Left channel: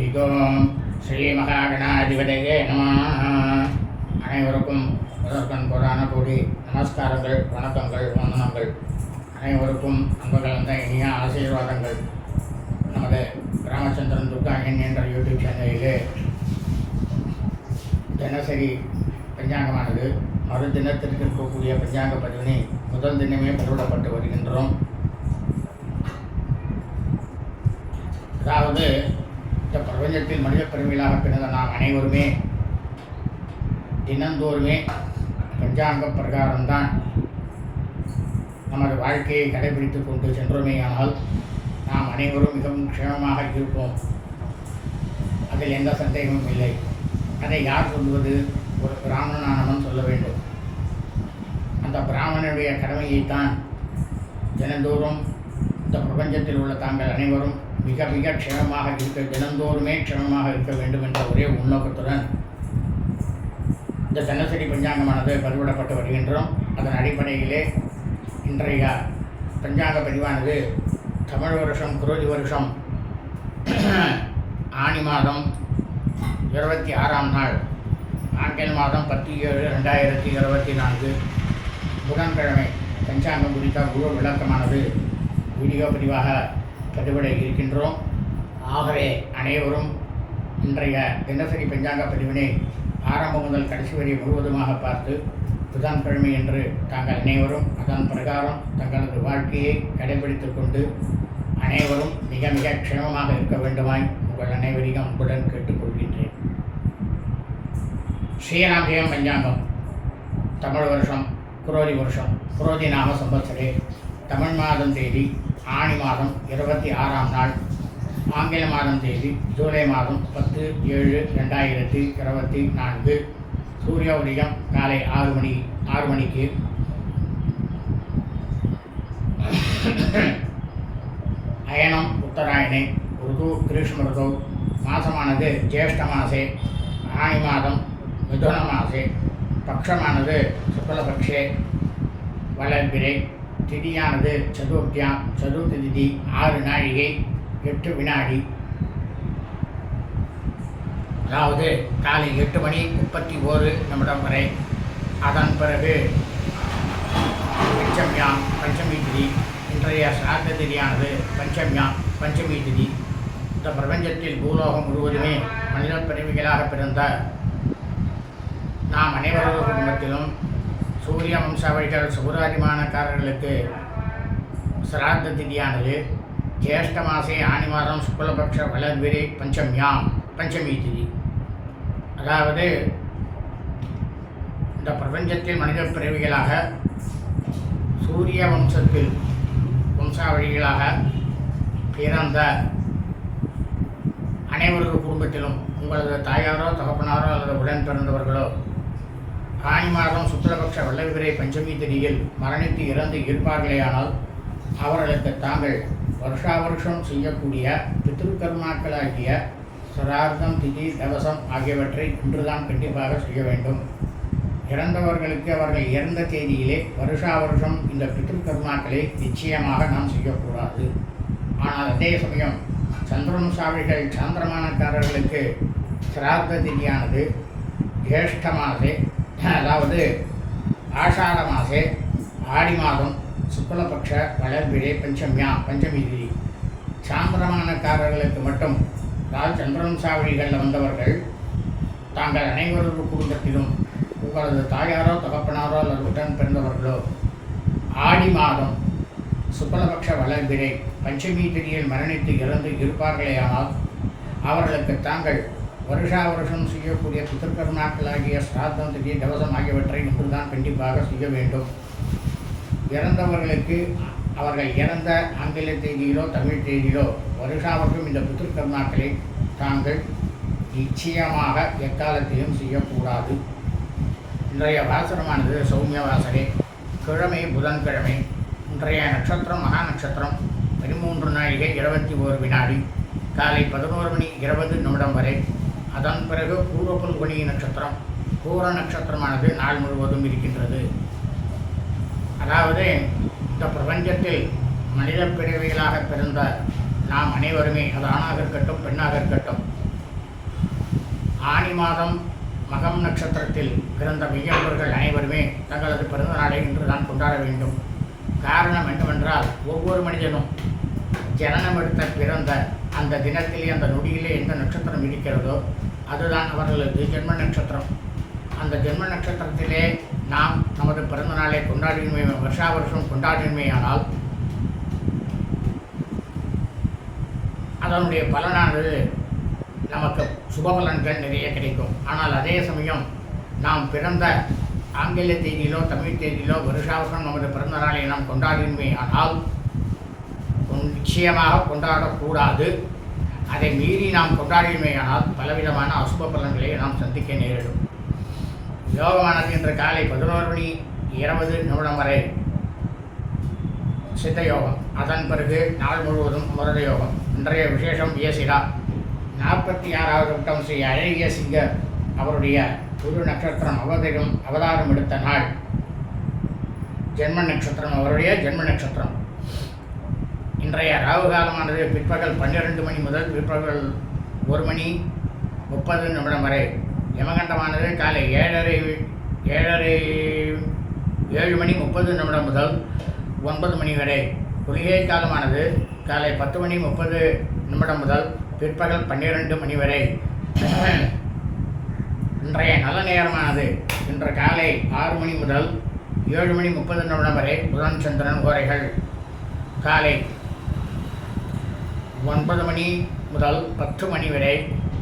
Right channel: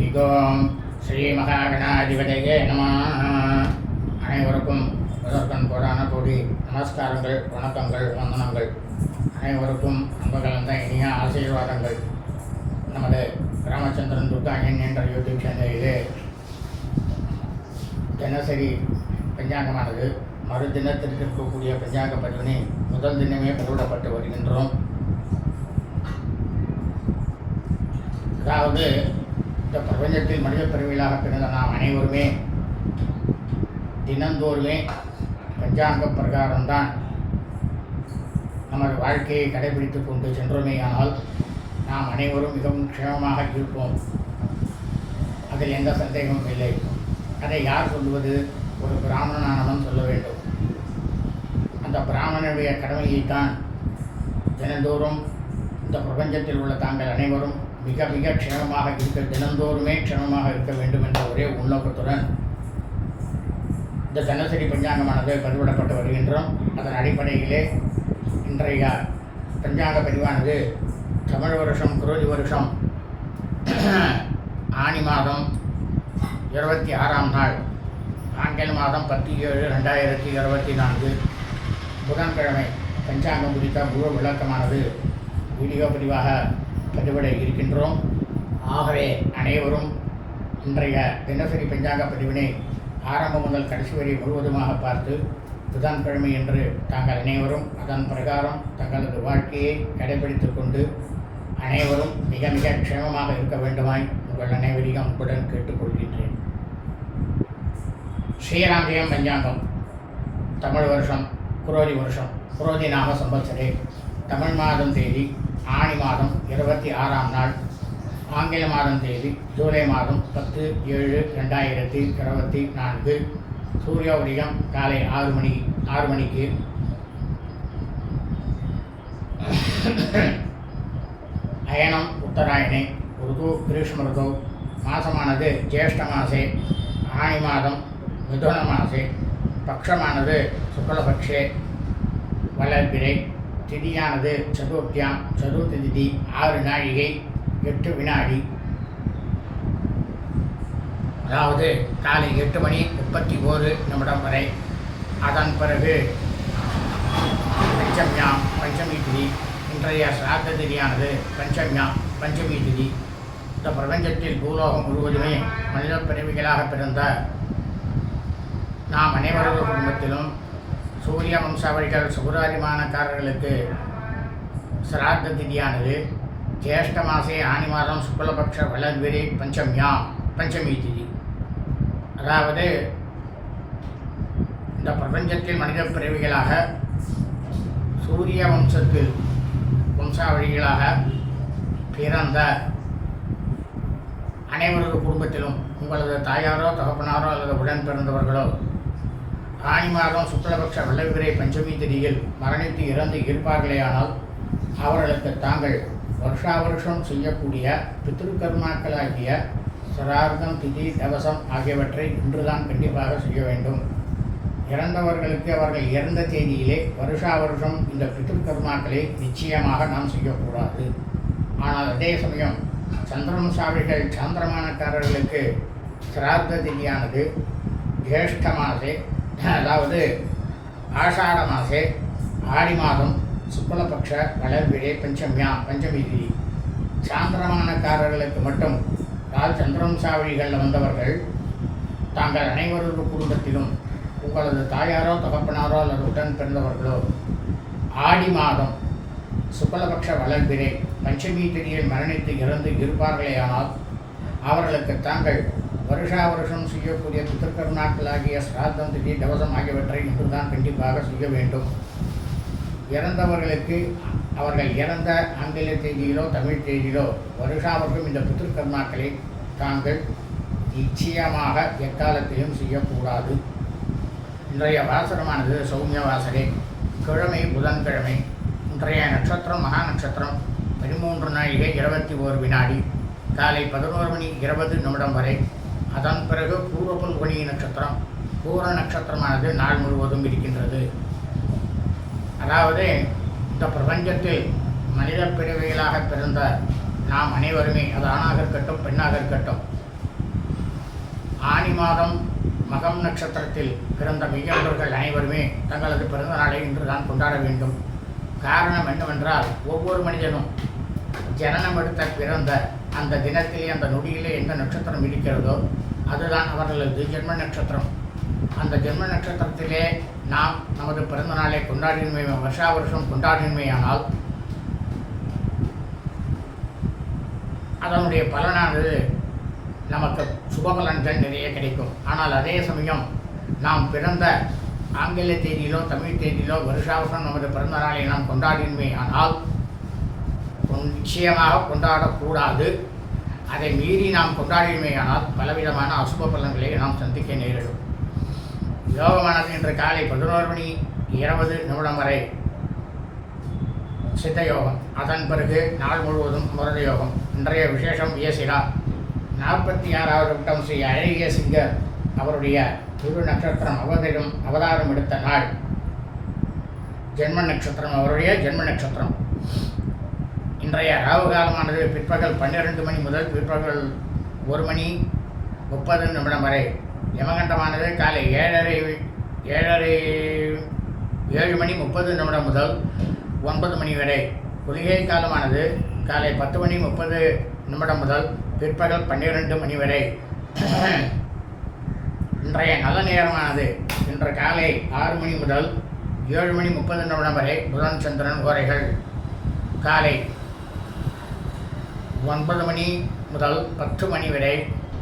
ஹரி ஓம் ஸ்ரீ மகாகணாதிபதியே நம. அனைவருக்கும் முதற்கண் கோடான கோடி நமஸ்காரங்கள் வணக்கங்கள் வந்தனங்கள். அனைவருக்கும் அன்பு கலந்த இனிய ஆசீர்வாதங்கள். நமது ராமச்சந்திரன் துர்காயன் என்ற யூடியூப் சேனலிலே தினசரி பஞ்சாங்கமானது. மறு தினத்திற்கு இருக்கக்கூடிய பஞ்சாங்க பதிவினை முதல் தினமே பதிவிடப்பட்டு வருகின்றோம். அதாவது இந்த பிரபஞ்சத்தில் மனித பெருமையிலாக பிறந்த நாம் அனைவருமே தினந்தோறுமே பஞ்சாங்க பிரகாரம்தான் நமது வாழ்க்கையை கடைபிடித்து கொண்டு சென்றோமேயானால் நாம் அனைவரும் மிகவும் க்ஷேமமாக இருப்போம். அதில் எந்த சந்தேகமும் இல்லை. அதை யார் சொல்வது? ஒரு பிராமணனானவன் சொல்ல வேண்டும். அந்த பிராமணனுடைய கடமையைத்தான் தினந்தோறும் இந்த பிரபஞ்சத்தில் உள்ள தாங்கள் அனைவரும் மிக மிக க்ஷேமமாக இருக்க தினந்தோறுமே க்ஷேமமாக இருக்க வேண்டும் என்ற ஒரே உள்நோக்கத்துடன் இந்த தினசரி பஞ்சாங்கமானது பதிவிடப்பட்டு வருகின்றோம். அதன் அடிப்படையிலே இன்றைய பஞ்சாங்க பதிவானது தமிழ் வருஷம் குரோதி வருஷம் ஆனி மாதம் இருபத்தி ஆறாம் நாள் ஆங்கில மாதம் பத்து ஏழு ரெண்டாயிரத்தி இருபத்தி நான்கு புதன்கிழமை பஞ்சாங்கம் குறித்த முழு விளக்கமானது வீடியோ பதிவாக பதிவிட இருக்கின்றோம். ஆகவே அனைவரும் இன்றைய தினசரி பஞ்சாங்க பதிவினை ஆரம்பம் முதல் கடைசி வரை முழுவதுமாக பார்த்து புதன்கிழமை என்று தாங்கள் அனைவரும் அதன் பிரகாரம் தங்களது வாழ்க்கையை கடைபிடித்துக் கொண்டு அனைவரும் மிக மிக க்ஷேமமாக இருக்க வேண்டுமாய் உங்கள் அனைவரையும் அன்புடன் கேட்டுக்கொள்கின்றேன். ஸ்ரீராமஜெயம் பஞ்சாங்கம் தமிழ் வருஷம் குரோதி வருஷம் குரோதி நாம சம்பத்சரே. தமிழ் மாதம் தேதி ஆணி மாதம் இருபத்தி ஆறாம் நாள் ஆங்கில மாதம் தேதி ஜூலை மாதம் பத்து ஏழு ரெண்டாயிரத்தி இருபத்தி நான்கு சூரிய உதயம் காலை ஆறு மணி ஆறு மணிக்கு. அயனம் உத்தராயணே ருது கிரீஷ்ம ருது மாதமானது ஜேஷ்ட மாசே ஆணி மாதம் மிதுன மாசே பக்ஷமானது சுக்லபக்ஷே வளர்பிரை திதியானது சதுர்த்தியாம் சதுர்த்தி திதி ஆறு நாழிகை எட்டு வினாடி. அதாவது காலை எட்டு மணி முப்பத்தி ஓரு நிமிடம் வரை. அதன் பிறகு பஞ்சம்யாம் பஞ்சமி திதி. இன்றைய சிராத்த திதியானது பஞ்சம்யாம் பஞ்சமி திதி. இந்த பிரபஞ்சத்தில் பூலோகம் முழுவதுமே மனித பிறவிகளாக பிறந்த நாம் அனைவரது குடும்பத்திலும் சூரிய வம்சாவழிகள் சுகுராதிமானக்காரர்களுக்கு சிராத்த திதியானது ஜேஷ்ட மாசே ஆனி மாதம் சுக்லபக்ஷ வளர்விரை பஞ்சமியாம் பஞ்சமி திதி. அதாவது இந்த பிரபஞ்சத்தில் மனித பிறவிகளாக சூரிய வம்சத்தில் வம்சாவழிகளாக பிறந்த அனைவரது குடும்பத்திலும் உங்களது தாயாரோ தகப்பனாரோ அல்லது உடன் பிறந்தவர்களோ ஆனி மாதம் சுக்லபக்ஷ வல்லவிரை பஞ்சமி திதியில் மரணித்து இறந்து இருப்பார்களேயானால் அவர்களுக்கு தாங்கள் வருஷா வருஷம் செய்யக்கூடிய பித்ருக்கர்மாக்களாகிய சிரார்த்தம் திதி தவசம் ஆகியவற்றை இன்றுதான் கண்டிப்பாக செய்ய வேண்டும். இறந்தவர்களுக்கு அவர்கள் இறந்த தேதியிலே வருஷா வருஷம் இந்த பித்ருக்கர்மாக்களை நிச்சயமாக நாம் செய்யக்கூடாது. ஆனால் அதே சமயம் சந்திரவம்சாவிகள் சாந்திரமானக்காரர்களுக்கு சிரார்த்த திதியானது ஜேஷ்ட மாதே அதாவது ஆஷாட மாசே ஆடி மாதம் சுக்லபக்ஷ வளர்பிழை பஞ்சமியா பஞ்சமி திதி சாந்திரமானக்காரர்களுக்கு மட்டும் அதாவது சந்திரவம்சாவளிகளில் வந்தவர்கள் தாங்கள் அனைவரது குடும்பத்திலும் உங்களது தாயாரோ தகப்பனாரோ அல்லது உடன் பிறந்தவர்களோ ஆடி மாதம் சுக்லபக்ஷ வளர்பிரே பஞ்சமி திதியில் மரணித்து இறந்து இருப்பார்களேயானால் அவர்களுக்கு தாங்கள் வருஷா வருஷம் செய்யக்கூடிய பித்திருக்கருணாக்களாகிய சிராத்தம் திதி தவசம் ஆகியவற்றை மட்டும்தான் கண்டிப்பாக செய்ய வேண்டும். இறந்தவர்களுக்கு அவர்கள் இறந்த ஆங்கில தேதியிலோ தமிழ் தேதியிலோ வருஷாவர்க்கும் இந்த பித்திருக்கருணாக்களை தாங்கள் நிச்சயமாக எக்காலத்திலும் செய்யக்கூடாது. இன்றைய வாசனமானது சௌமிய வாசரே கிழமை புதன்கிழமை இன்றைய நட்சத்திரம் மகா நட்சத்திரம் பதிமூன்று நாழிகை இருபத்தி ஓரு வினாடி காலை பதினோரு மணி இருபது நிமிடம் வரை அதன் பிறகு பூர்வ பல்குனி நட்சத்திரம் பூர நட்சத்திரமானது நாள் முழுவதும் இருக்கின்றது. அதாவது இந்த பிரபஞ்சத்தில் மனித பிறவிகளாக பிறந்த நாம் அனைவருமே அது ஆணாக இருக்கட்டும் பெண்ணாக இருக்கட்டும் ஆனி மாதம் மகம் நட்சத்திரத்தில் பிறந்த மெய்யவர்கள் அனைவருமே தங்களது பிறந்த நாளை இன்று தான் கொண்டாட வேண்டும். காரணம் என்னவென்றால் ஒவ்வொரு மனிதனும் ஜனனம் எடுத்த பிறந்த அந்த தினத்திலே அந்த நொடியிலே எந்த நட்சத்திரம் இருக்கிறதோ அதுதான் அவர்களது ஜென்ம நட்சத்திரம். அந்த ஜென்ம நட்சத்திரத்திலே நாம் நமது பிறந்த நாளை கொண்டாடினுமே வருஷா வருஷம் கொண்டாடினுமேயானால் அதனுடைய பலனானது நமக்கு சுபபலன்கள் நிறைய கிடைக்கும். ஆனால் அதே சமயம் நாம் பிறந்த ஆங்கில தேதியிலோ தமிழ் தேதியிலோ வருஷாவசம் நமது பிறந்த நாளை நாம் கொண்டாடினுமே ஆனால் நிச்சயமாக கொண்டாடக்கூடாது. அதை மீறி நாம் கொண்டாடியுமேயானால் பலவிதமான அசுப பலன்களை நாம் சந்திக்க நேரிடும். யோகமானது இன்று காலை பதினோரு மணி இருபது நிமிடம் வரை சித்த யோகம். அதன் பிறகு நாள் முழுவதும் முரத யோகம். இன்றைய விசேஷம் வியசிரா. நாற்பத்தி ஆறாவது வட்டம் ஸ்ரீ அழகிய சிங்கர் அவருடைய குரு நட்சத்திரம் அவதரம் அவதாரம் எடுத்த நாள். ஜென்ம நட்சத்திரம் அவருடைய ஜென்ம நட்சத்திரம். இன்றைய ராகு காலமானது பிற்பகல் பன்னிரண்டு மணி முதல் பிற்பகல் ஒரு மணி முப்பது நிமிடம் வரை. யமகண்டமானது காலை ஏழரை ஏழரை ஏழு மணி முப்பது நிமிடம் முதல் ஒன்பது மணி வரை. குளிகை காலமானது காலை பத்து மணி முப்பது நிமிடம் முதல் பிற்பகல் பன்னிரண்டு மணி வரை. இன்றைய நல்ல நேரமானது இன்று காலை ஆறு மணி முதல் ஏழு மணி முப்பது நிமிடம் வரை புதன் சந்திரன் கோரைகள். காலை ஒன்பது மணி முதல் பத்து மணி வரை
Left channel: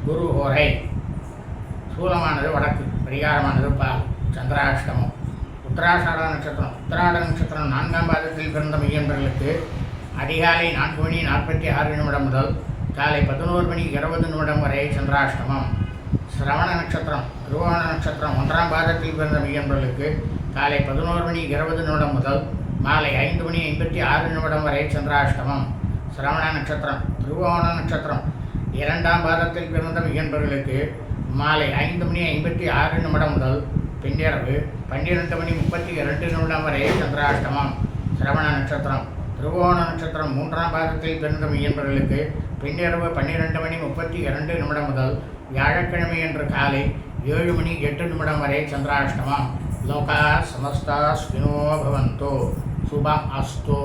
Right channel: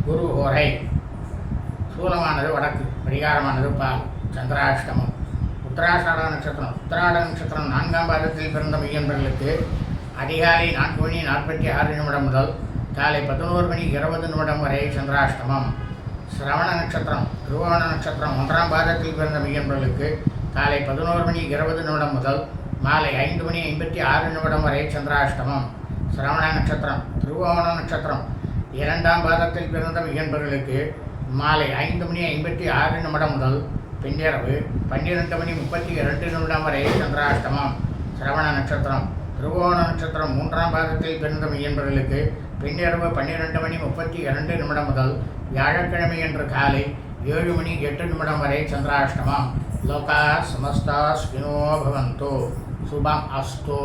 குரு ஹோரை சூலமானது வடக்கு பரிகாரமானது பால் சந்திராஷ்டமம். உத்தராஷாட நட்சத்திரம். உத்தராட நட்சத்திரம் நான்காம் பாதத்தில் பிறந்த மையன்பர்களுக்கு அதிகாலை நான்கு மணி நாற்பத்தி ஆறு நிமிடம் முதல் காலை பதினோரு மணி இருபது நிமிடம் வரை சந்திராஷ்டமம். சிரவண நட்சத்திரம் திருவோண நட்சத்திரம் ஒன்றாம் பாதத்தில் பிறந்த மையன்பர்களுக்கு காலை பதினோரு மணி இருபது நிமிடம் முதல் மாலை ஐந்து மணி ஐம்பத்தி ஆறு நிமிடம் வரை சந்திராஷ்டமம். சிரவண நட்சத்திரம் திருவோண நட்சத்திரம். இரண்டாம் பாதத்தில் பிறந்த என்பவர்களுக்கு மாலை ஐந்து மணி ஐம்பத்தி ஆறு நிமிடம் முதல் பின்னிரவு பன்னிரெண்டு மணி முப்பத்தி இரண்டு நிமிடம் வரை சந்திராஷ்டமம். சிரவண நட்சத்திரம் திருவோண நட்சத்திரம் மூன்றாம் பாதத்தில் பிறந்த மெய்யன்பர்களுக்கு பின்னிரவு பன்னிரெண்டு மணி முப்பத்தி இரண்டு நிமிடம் முதல் வியாழக்கிழமை என்று காலை ஏழு மணி எட்டு நிமிடம் வரை சந்திராஷ்டமம். லோகா சமஸ்தா ஸ்வினோ பவந்தோ. சுபம் அஸ்தோ.